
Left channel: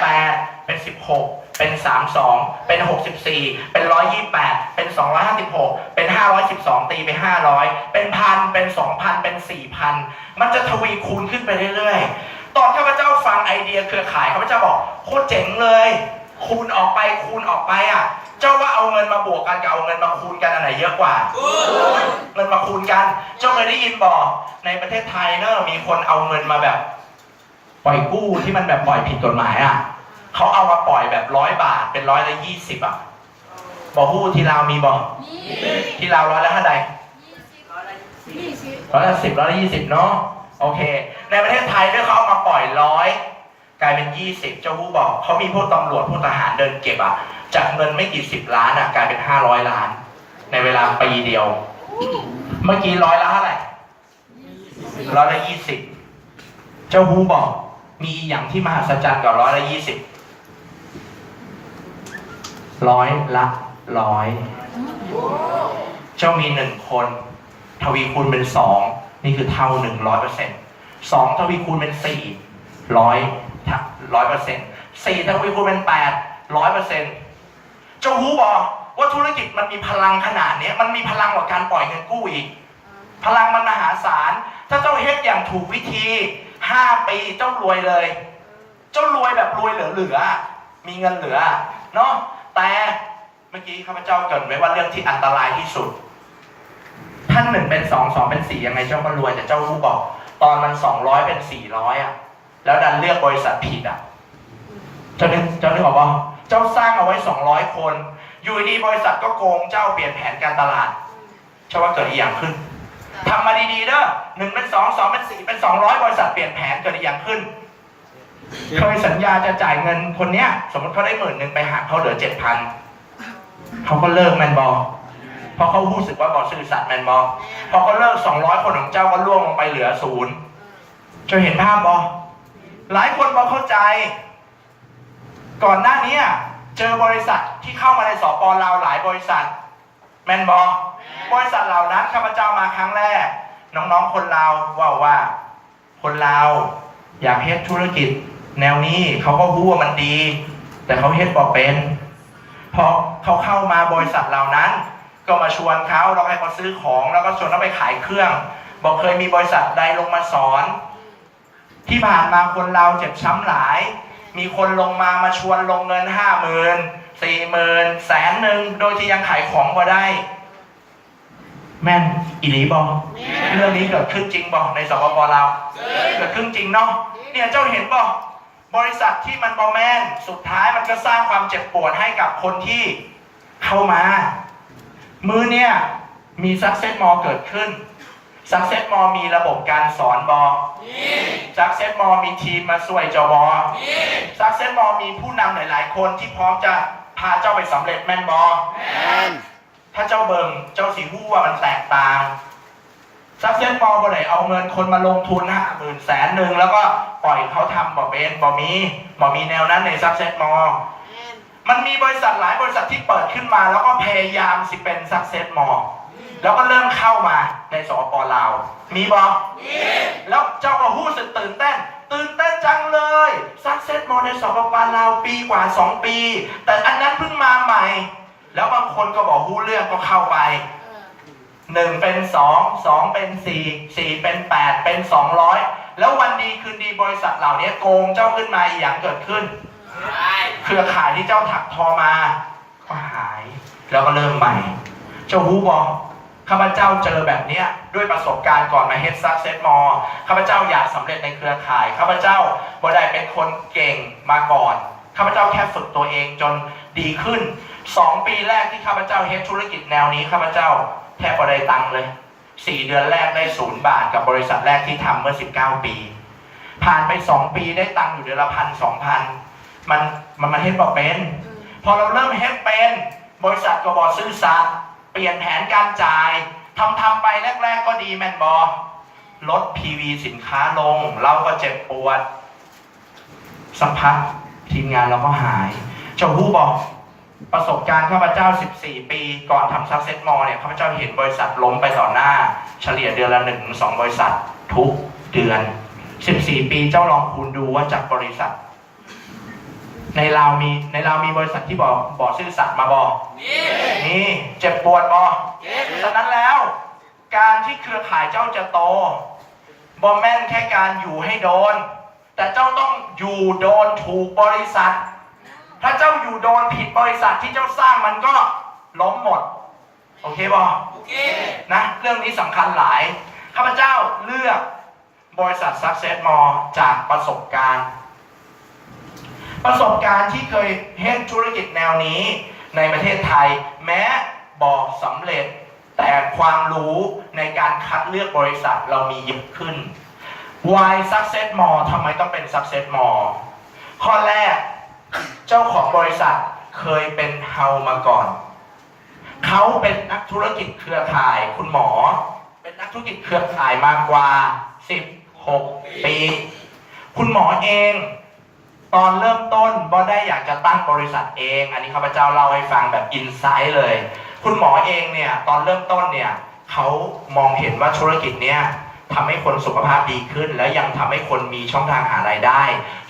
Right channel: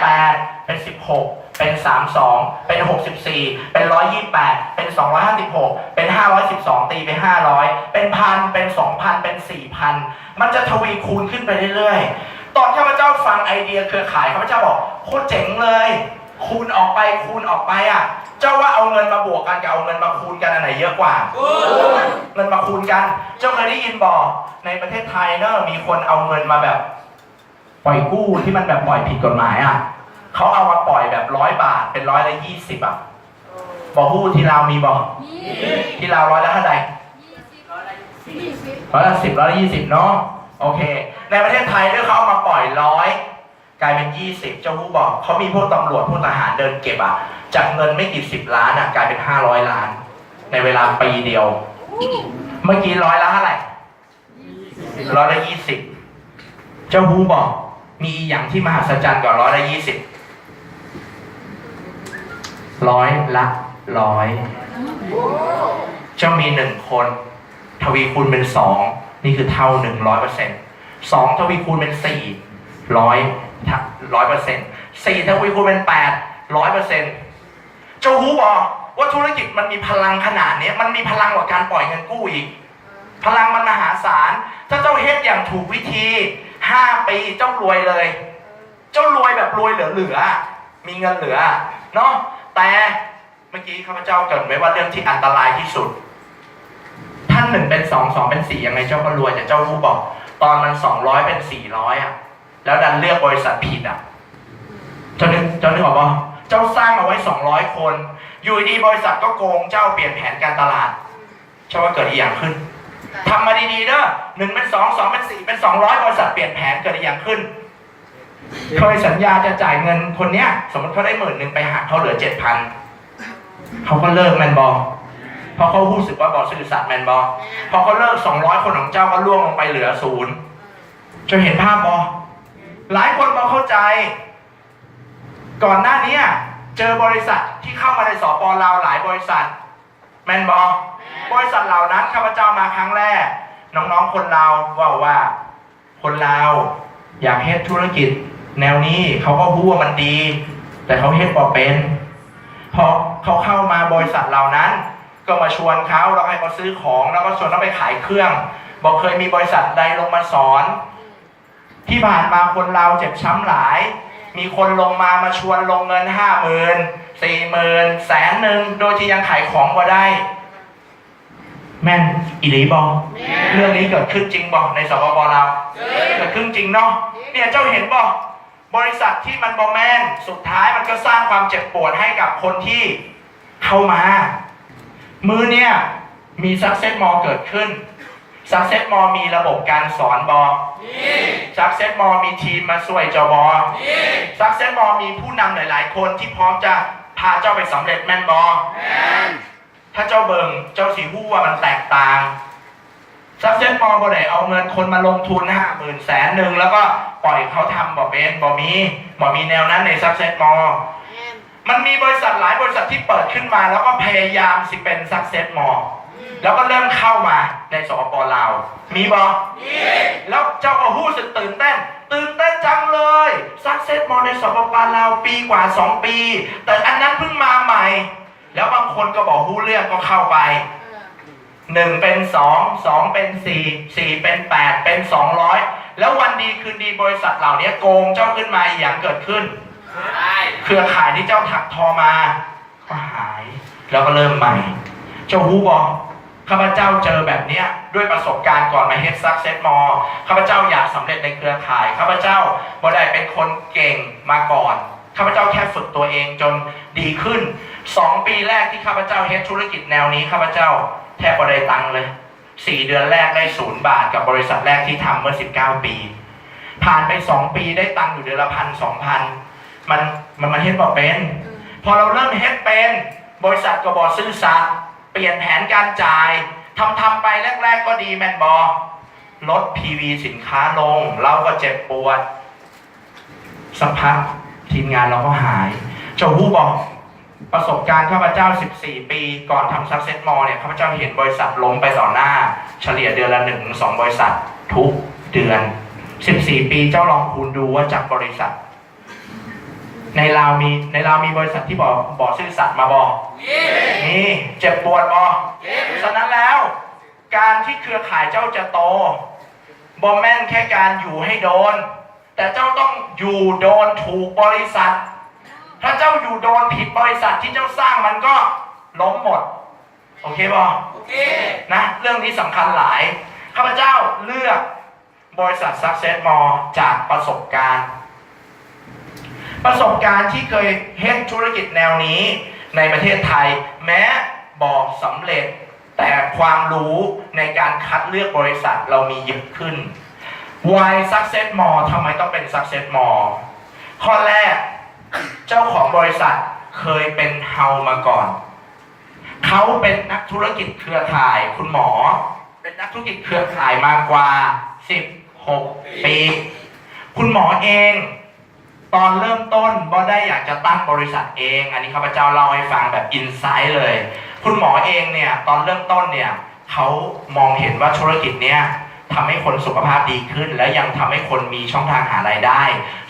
8เป็น16เป็น32เป็น64เป็น128เป็น256เป็น512ตีไป500เป็น1,000เป็น2,000เป็น4,000มันจะทวีคูณขึ้นไปเรื่อยๆตอนข้าพเจ้าฟังไอเดียเครือข่ายข้าพเจ้าบอกโคตรเจ๋งเลยคูณออกไปเจ้าว่าเอาเงินมาบวกกันกับเอาเงินมาคูณกันอันไหนเยอะกว่าเงินมาคูณกันเจ้าเคยได้ยินบอกในประเทศไทยเนอะมีคนเอาเงินมาแบบปล่อยกู้ที่มันแบบปล่อยผิดกฎหมายเขาเอามาปล่อยแบบ100 บาทเป็น120บอกฮู้ที่ลาวมีบอกที่ลาว100ละเท่าไหร่110 120เนาะโอเคในประเทศไทยด้วยเขาเอามาปล่อย100กลายเป็น20เจ้าฮู้บอกเขามีพวกตำรวจพวกทหารเดินเก็บจากเงินไม่กี่10 ล้านกลายเป็น500 ล้านในเวลาปีเดียวเมื่อกี้100ละเท่าไหร่120เจ้าฮู้บอกมีอย่างที่มหัศจรรย์กว่า120 100 ละ 100เจ้ามี1 คนทวีคูณเป็น2 นี่คือเท่า 100%2ทวีคูณเป็น400%4ทวีคูณเป็น800%เจ้าหูบอกว่าธุรกิจมันมีพลังขนาดนี้มันมีพลังกว่าการปล่อยเงินกู้อีกพลังมันมหาศาลถ้าเจ้าเฮ็ดอย่างถูกวิธี5 ปีเจ้ารวยเลยเจ้ารวยแบบรวยเหลือมีเงินเหลือเนาะแต่เมื่อกี้ข้าพเจ้าเกริ่นไว้ว่าเรื่องที่อันตรายที่สุดท่าน1เป็น2 2เป็น4ยังไงเจ้าก็รวยแต่เจ้ารู้บอกตอนมัน200เป็น400อ่ะแล้วดันเลือกบริษัทผิดอ่ะเจ้านึกออกป่ะเจ้าสร้างมาไว้200 คนอยู่ดีบริษัทก็โกงเจ้าเปลี่ยนแผนการตลาดเชื่อว่าเกิดอีกอย่างขึ้นทำมาดีๆเด้อ1เป็น2 2เป็น4เป็น200บริษัทเปลี่ยนแผนเกิดอีกอย่างขึ้นเคยสัญญาจะจ่ายเงินคนเนี้ยสมมติเขาได้10,000ไปหักเขาเหลือ 7,000เขาก็เลิกแมนบอเพราะเขารู้สึกว่าบอซื่อสัตย์แมนบอพอเขาเลิก200 คนของเจ้าก็ล่วงลงไปเหลือ0จะเห็นภาพบอหลายคนบอเข้าใจก่อนหน้านี้เจอบริษัทที่เข้ามาในสป.ลาวหลายบริษัทแมนบริษัทเหล่านั้นข้าพเจ้ามาครั้งแรกน้องๆคนลาวว่าคนลาวอยากเฮ็ดธุรกิจแนวนี้เขาก็รู้ว่ามันดีแต่เขาเฮ็ดบ่เป็นพอเขาเข้ามาบริษัทเหล่านั้นก็มาชวนเขาแล้วให้เขาซื้อของแล้วก็ชวนเขาไปขายเครื่องบอกเคยมีบริษัทใดลงมาสอนที่ผ่านมาคนลาวเจ็บช้ำหลายมีคนลงมาชวนลงเงิน 50,000 40,000 100,000โดยที่ยังขายของบ่ได้แม่นอีหลีบอเรื่องนี้เกิดขึ้นจริงบอในสปป.ลาวเกิดขึ้นจริงเนาะเนี่ยเจ้าเห็นบริษัทที่มันบอแม่นสุดท้ายมันก็สร้างความเจ็บปวดให้กับคนที่เข้ามามือเนี่ยมี Success Mall เกิดขึ้น Success Mall มีระบบการสอนบอSuccess Mall มีทีมมาช่วยเจ้าบอSuccess Mall มีผู้นำหลายๆคนที่พร้อมจะพาเจ้าไปสำเร็จแม่นบอถ้าเจ้าเบิ่งเจ้าสีหู้ว่ามันแตกต่างSuccess Mall บ่ได้เอาเงินคนมาลงทุน50,000 100,000แล้วก็ปล่อยเขาทำบ่เป็นบ่มีแนวนั้นใน Success Mall มันมีบริษัทหลายบริษัทที่เปิดขึ้นมาแล้วก็พยายามสิเป็น Success Mall แล้วก็เริ่มเข้ามาในสปป.ลาวมีบ่แล้วเจ้าก็หู้สึกตื่นเต้นจังเลย Success Mall ในสปป.ลาวปีกว่า2 ปีแต่อันนั้นเพิ่งมาใหม่แล้วบางคนก็บอกหู้เรื่องก็เข้าไป1เป็น2 2เป็น4 4เป็น8เป็น200แล้ววันดีคืนดีบริษัทเหล่านี้โกงเจ้าขึ้นมาอย่างเกิดขึ้นเครือข่ายที่เจ้าถักทอมาก็หายแล้วก็เริ่มใหม่เจ้าฮู้บอกข้าพเจ้าเจอแบบนี้ด้วยประสบการณ์ก่อนมาเฮ็ด Success Mall ข้าพเจ้าอยากสำเร็จในเครือข่ายข้าพเจ้าบ่ได้เป็นคนเก่งมาก่อนข้าพเจ้าแค่ฝึกตัวเองจนดีขึ้น2 ปีแรกที่ข้าพเจ้าเฮ็ดธุรกิจแนวนี้ข้าพเจ้าแทบบ่ได้ตังค์เลย4 เดือนแรกได้0 บาทกับบริษัทแรกที่ทำเมื่อ19 ปีผ่านไป2 ปีได้ตังค์อยู่เดือนละ1,000-2,000มันเฮ็ดบ่เป็นพอเราเริ่มเฮ็ดเป็นบริษัทก็บ่ซื่อสัตย์เปลี่ยนแผนการจ่ายทำไปแรกๆก็ดีแม่นบ่ลด PV สินค้าลงเราก็เจ็บปวดสักพักทีมงานเราก็หายเจ้าฮู้บอกประสบการณ์ข้าพเจ้า14 ปีก่อนทำ Success Mall เนี่ยข้าพเจ้าเห็นบริษัทล้มไปต่อหน้าเฉลี่ยเดือนละ 1-2 บริษัททุกเดือน14 ปีเจ้าลองคูณดูว่าจากบริษัทในลาวมีบริษัทที่บอกซื่อสัตย์มาบอกนี่เจ็บปวดฉะนั้นแล้วการที่เครือข่ายเจ้าจะโตบอแม่นแค่การอยู่ให้โดนแต่เจ้าต้องอยู่โดนถูกบริษัทถ้าเจ้าอยู่โดนผิดบริษัทที่เจ้าสร้างมันก็ล้มหมดโอเคบอโอเคนะเรื่องนี้สำคัญหลายข้าพเจ้าเลือกบริษัท Success Mall จากประสบการณ์ที่เคยเฮ็ดธุรกิจแนวนี้ในประเทศไทยแม้บอกสำเร็จแต่ความรู้ในการคัดเลือกบริษัทเรามีเยอะขึ้น Why Success Mall ทำไมต้องเป็น Success Mall ข้อแรกเจ้าของบริษัทเคยเป็นเฮามาก่อนเขาเป็นนักธุรกิจเครือข่ายคุณหมอเป็นนักธุรกิจเครือข่ายมากกว่า16 ปีคุณหมอเองตอนเริ่มต้นบ่ได้อยากจะตั้งบริษัทเองอันนี้ข้าพเจ้าเล่าให้ฟังแบบอินไซต์เลยคุณหมอเองเนี่ยตอนเริ่มต้นเนี่ยเขามองเห็นว่าธุรกิจเนี้ย ทำให้คนสุขภาพดีขึ้นและยังทำให้คนมีช่องทางหารายได้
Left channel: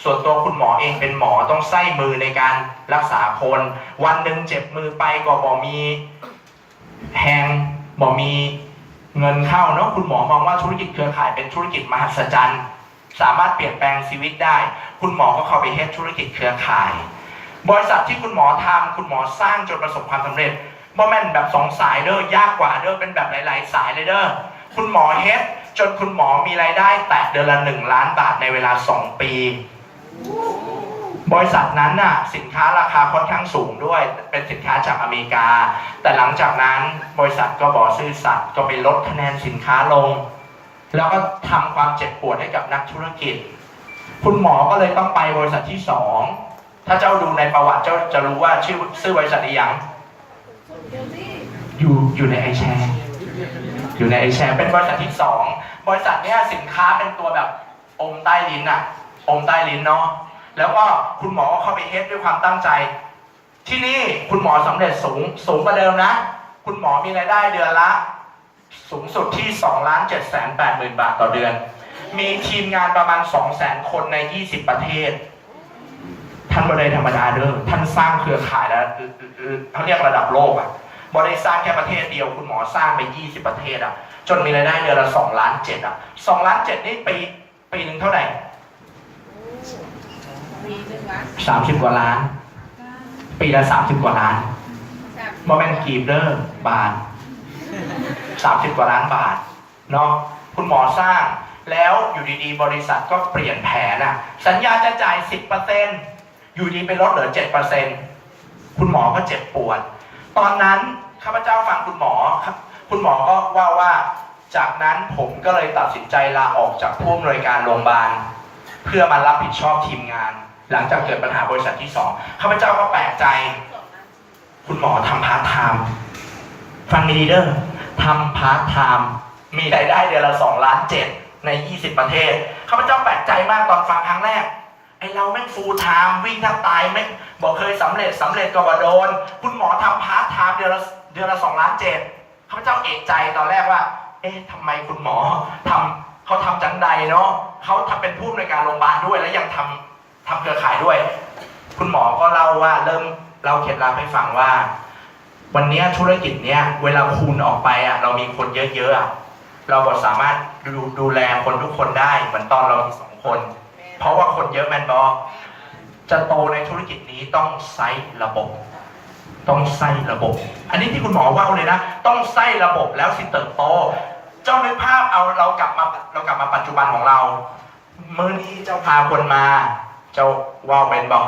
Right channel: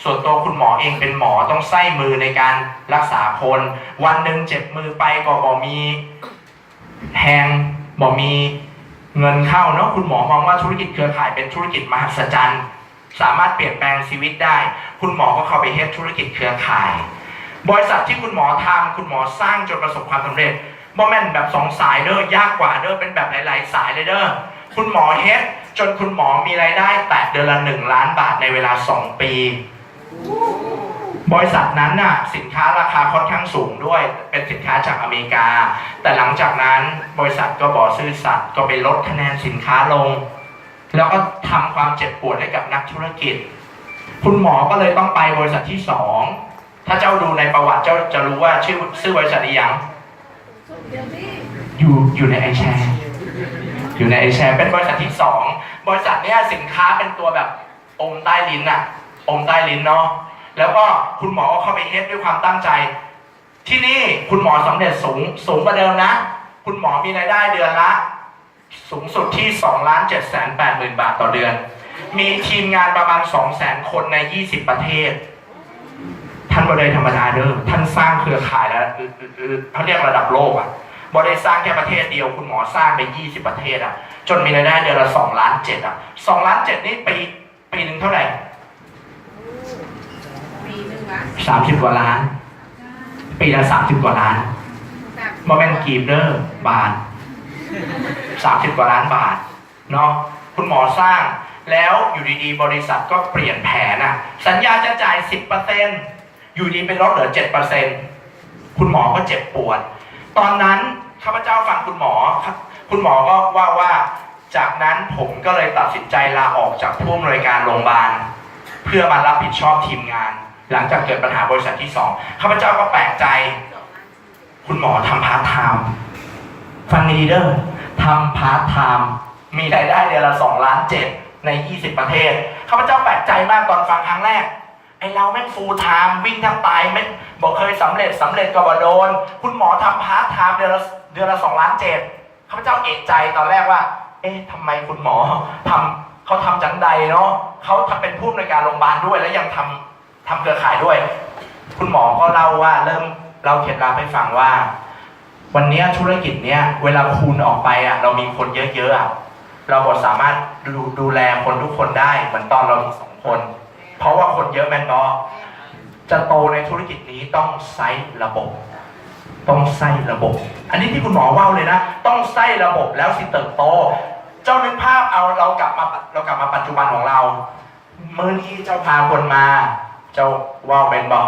ส่วนตัวคุณหมอเองเป็นหมอต้องใส่มือในการรักษาคนวันหนึ่งเจ็บมือไปก็บอกมีแหงบอกมีเงินเข้าเนาะคุณหมอมองว่าธุรกิจเครือข่ายเป็นธุรกิจมหัศจรรย์สามารถเปลี่ยนแปลงชีวิตได้คุณหมอก็เข้าไปเฮ็ดธุรกิจเครือข่ายบริษัทที่คุณหมอทำคุณหมอสร้างจนประสบความสำเร็จบ่แม่นแบบ2 สายเด้อยากกว่าเด้อเป็นแบบหลายๆสายเลยเด้อคุณหมอเฮ็ดจนคุณหมอมีรายได้แตะเดือนละ1 ล้านบาทในเวลา2 ปีบริษัทนั้นน่ะสินค้าราคาค่อนข้างสูงด้วยเป็นสินค้าจากอเมริกาแต่หลังจากนั้นบริษัทก็บอกซื่อสัตย์ก็ไปลดคะแนนสินค้าลงแล้วก็ทำความเจ็บปวดให้กับนักธุรกิจคุณหมอก็เลยต้องไปบริษัทที่2ถ้าเจ้าดูในประวัติเจ้าจะรู้ว่าชื่อบริษัทนี้ยังอยู่ในไอแชร์อยู่ในไอแชร์เป็นบริษัทที่2บริษัทเนี้ยสินค้าเป็นตัวแบบอมใต้ลิ้นอะอมใต้ลิ้นเนาะแล้วก็คุณหมอก็เข้าไปเฮ็ดด้วยความตั้งใจที่นี่คุณหมอสำเร็จสูงกว่าเดิมนะคุณหมอมีรายได้เดือนละสูงสุดที่ 2,780,000 บาทต่อเดือนมีทีมงานประมาณ 200,000 คนใน20 ประเทศท่านบริษัทธรรมดาเด้อท่านสร้างเครือข่ายแล้วเขาเรียกระดับโลกอ่ะบริษัทสร้างแค่ประเทศเดียวคุณหมอสร้างไป20 ประเทศอ่ะจนมีรายได้เดือนละ2.7 ล้านอ่ะ2.7 ล้านนี่ปีหนึ่งเท่าไหร่30 กว่าล้านปีละ30 กว่าล้านโมเมนต์กีบเดอร์บาท30 กว่าล้านบาทเนาะคุณหมอสร้างแล้วอยู่ดีๆบริษัทก็เปลี่ยนแผนอ่ะสัญญาจะจ่าย 10% อยู่ดีไปลดเหลือ 7% คุณหมอก็เจ็บปวดตอนนั้นข้าพเจ้าฟังคุณหมอก็ว่าจากนั้นผมก็เลยตัดสินใจลาออกจากผู้อำนวยการโรงพยาบาลเพื่อมารับผิดชอบทีมงานหลังจากเกิดปัญหาบริษัทที่2ข้าพเจ้าก็แปลกใจคุณหมอทำพาร์ทไทม์ฟังดีๆเด้อทำพาร์ทไทม์มีรายได้เดือนละ2.7 ล้านใน20 ประเทศข้าพเจ้าแปลกใจมากตอนฟังครั้งแรกไอเราแม่งฟูลไทม์วิ่งแทบตายไม่บอกเคยสำเร็จก็บ่โดนคุณหมอทำพาร์ทไทม์เดือนละ2.7 ล้านข้าพเจ้าเอะใจตอนแรกว่าเอ๊ะทำไมคุณหมอเขาทำจังใดเนาะเขาทำเป็นผู้อำนวยการโรงพยาบาลด้วยแล้วยังทำเครือข่ายด้วยคุณหมอก็เล่าว่าเริ่มเล่าเคล็ดลับให้ฟังว่าวันนี้ธุรกิจเนี้ยเวลาคูณออกไปอ่ะเรามีคนเยอะๆอ่ะเราก็สามารถดูแลคนทุกคนได้เหมือนตอนเรามี2 คนเพราะว่าคนเยอะแมนบอจะโตในธุรกิจนี้ต้องใช้ระบบอันนี้ที่คุณหมอว่าเลยนะต้องใช้ระบบแล้วสิเติบโตเจ้านึกภาพเอาเรากลับมาปัจจุบันของเรามื้อนี้เจ้าพาคนมาเจ้าว่าเป็นบอ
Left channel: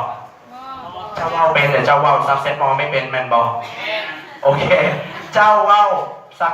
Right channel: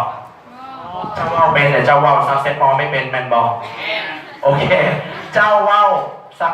เจ้าว่าเป็นหรือเจ้าว่าซักเซสมอไม่เป็นแมนบอโอเคเจ้าว่าซัก